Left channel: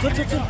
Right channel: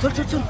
চল চল চল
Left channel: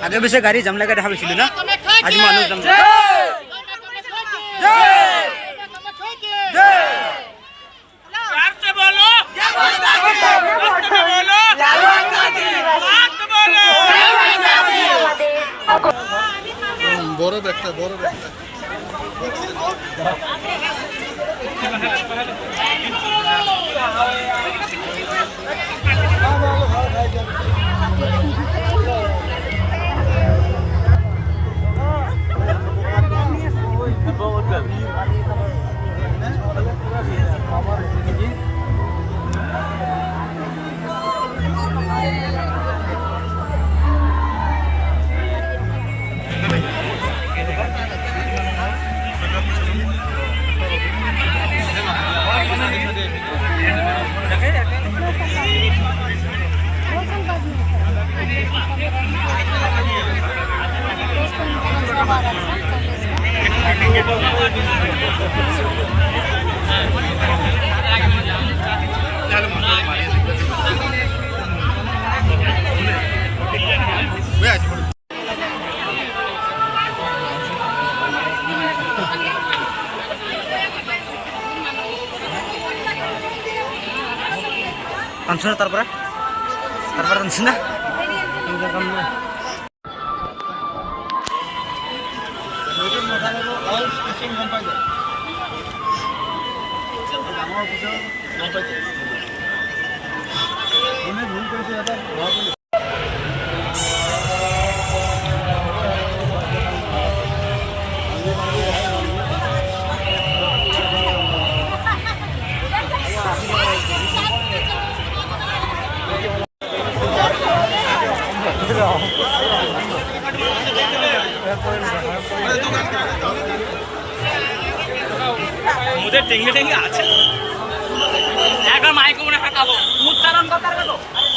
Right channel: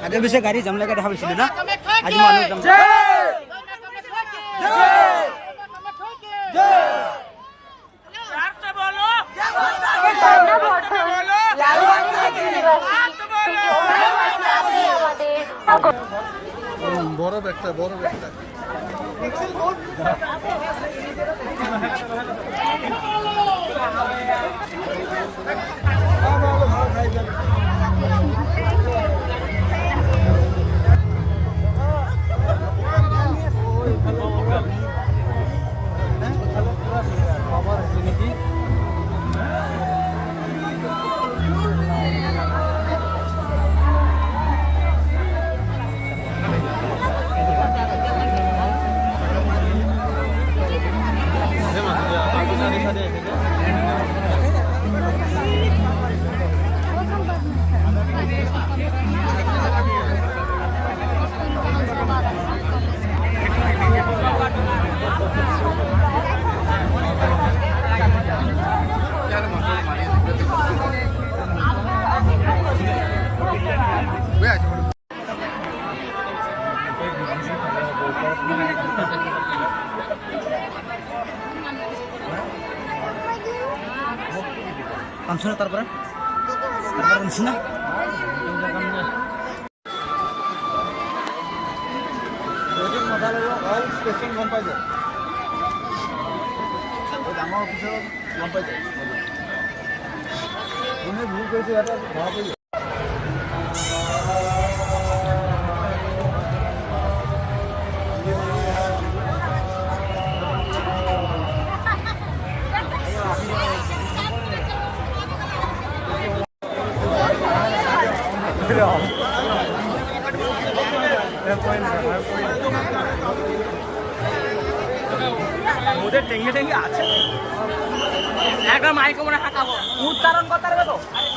आगे पीछे गाड़ी जमले का देखा ना आज मानुष जम বড় ব্যাগটা বড় ব্যাগটা Langsung taruh di sini. ওদের টেঙ্গে টেঙ্গে আছে একবার মাইকে মনে হাঁকাবো উচ্চারণ কথা গেল আরে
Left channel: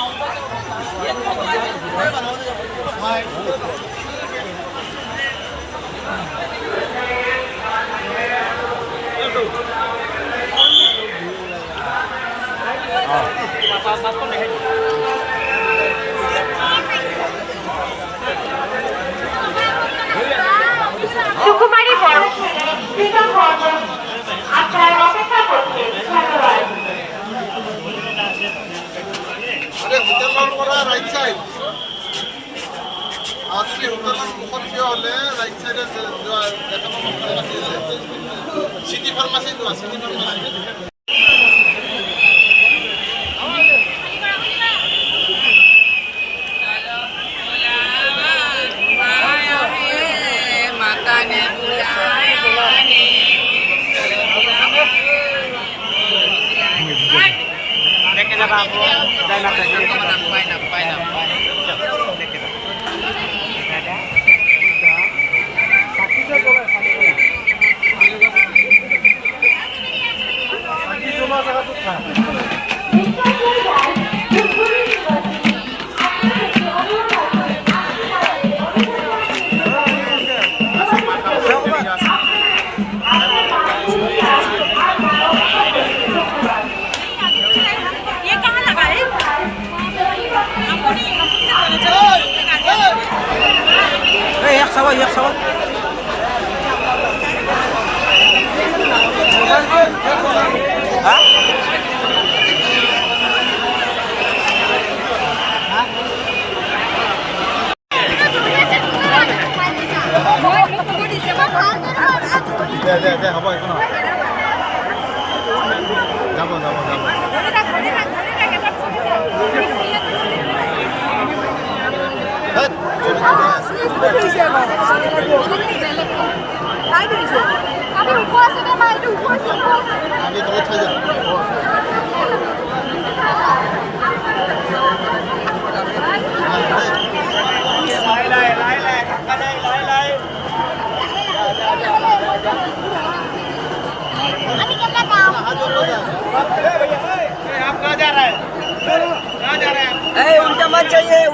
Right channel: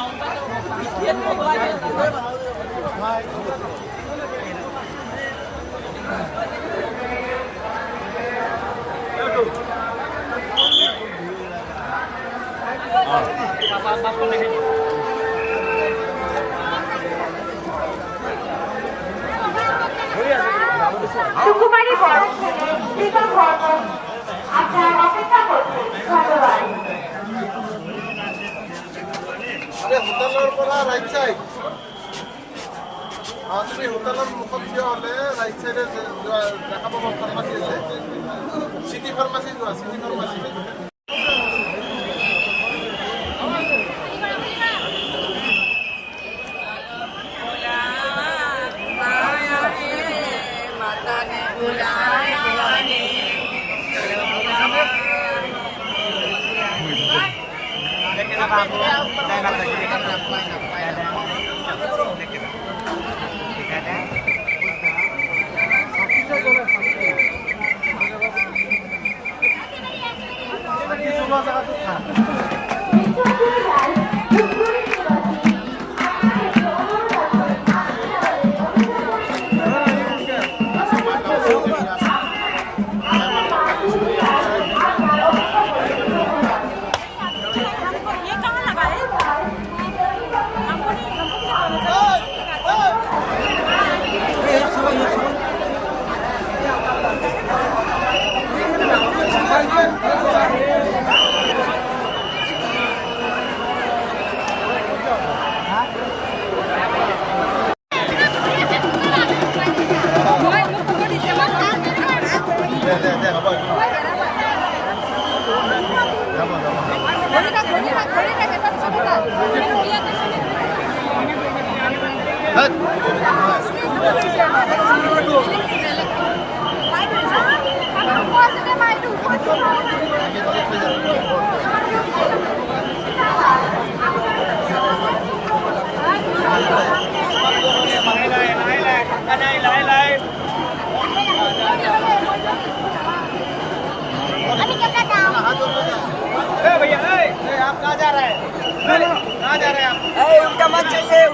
সুকুমারী বড় ছেলে কৃতজ্ঞ আপনার অপেক্ষা করছে ধন্যবাদ। আরে হোটেলৰ পৰা ৰাইট চাইড আপুনি হোটেলৰ মুখত থিয় হ'লে ৰাইট চাইডে দেখা পাব ফাৰ্মাচী আছে চিটি ফাৰ্মাচী যোৱা চিটি ফাৰ্মাচী एक सवाल उनका मत चाहिए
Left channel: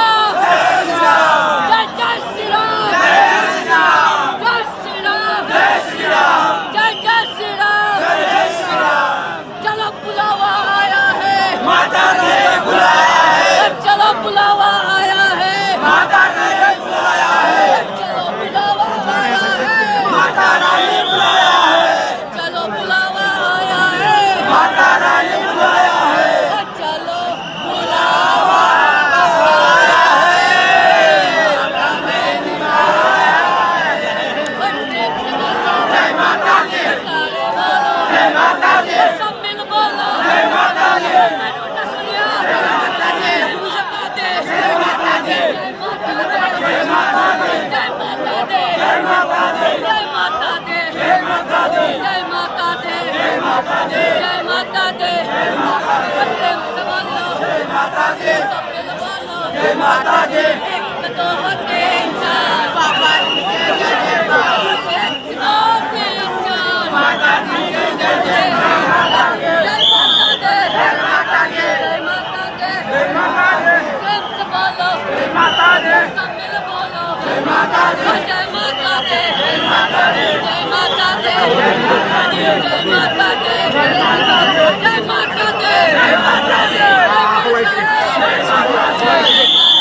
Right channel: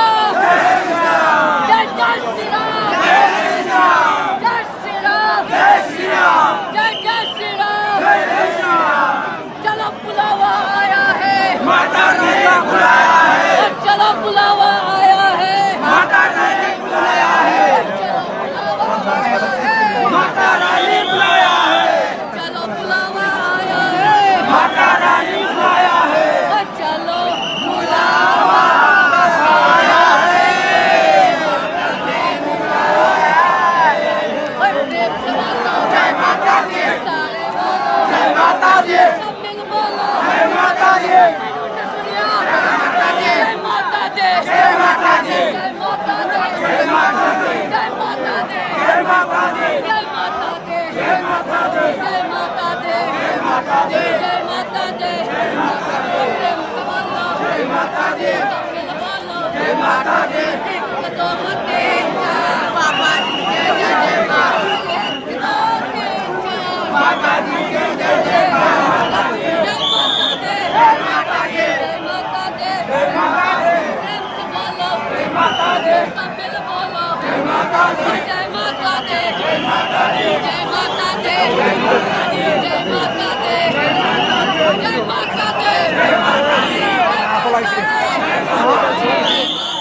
माता रानी बुलाया है, चलो बुलावा आया है, माता रानी बुलाया है, चलो बुलावा आया है, जय माता दी, तारे बोलो जय माता दी, सब मिल बोलो जय माता दी, मैंने न सुनिया जय माता दी, जय माता दी, जय माता दी, जय माता दी, जय माता दी, जय माता दी, जय माता दी, जय माता दी, जय माता दी, जय माता दी, जय माता दी, जय माता दी, जय माता दी, सब मिल बोलो जय माता दी, एक दो तीन चार बाबा जी के जय जय Jai Mata Di.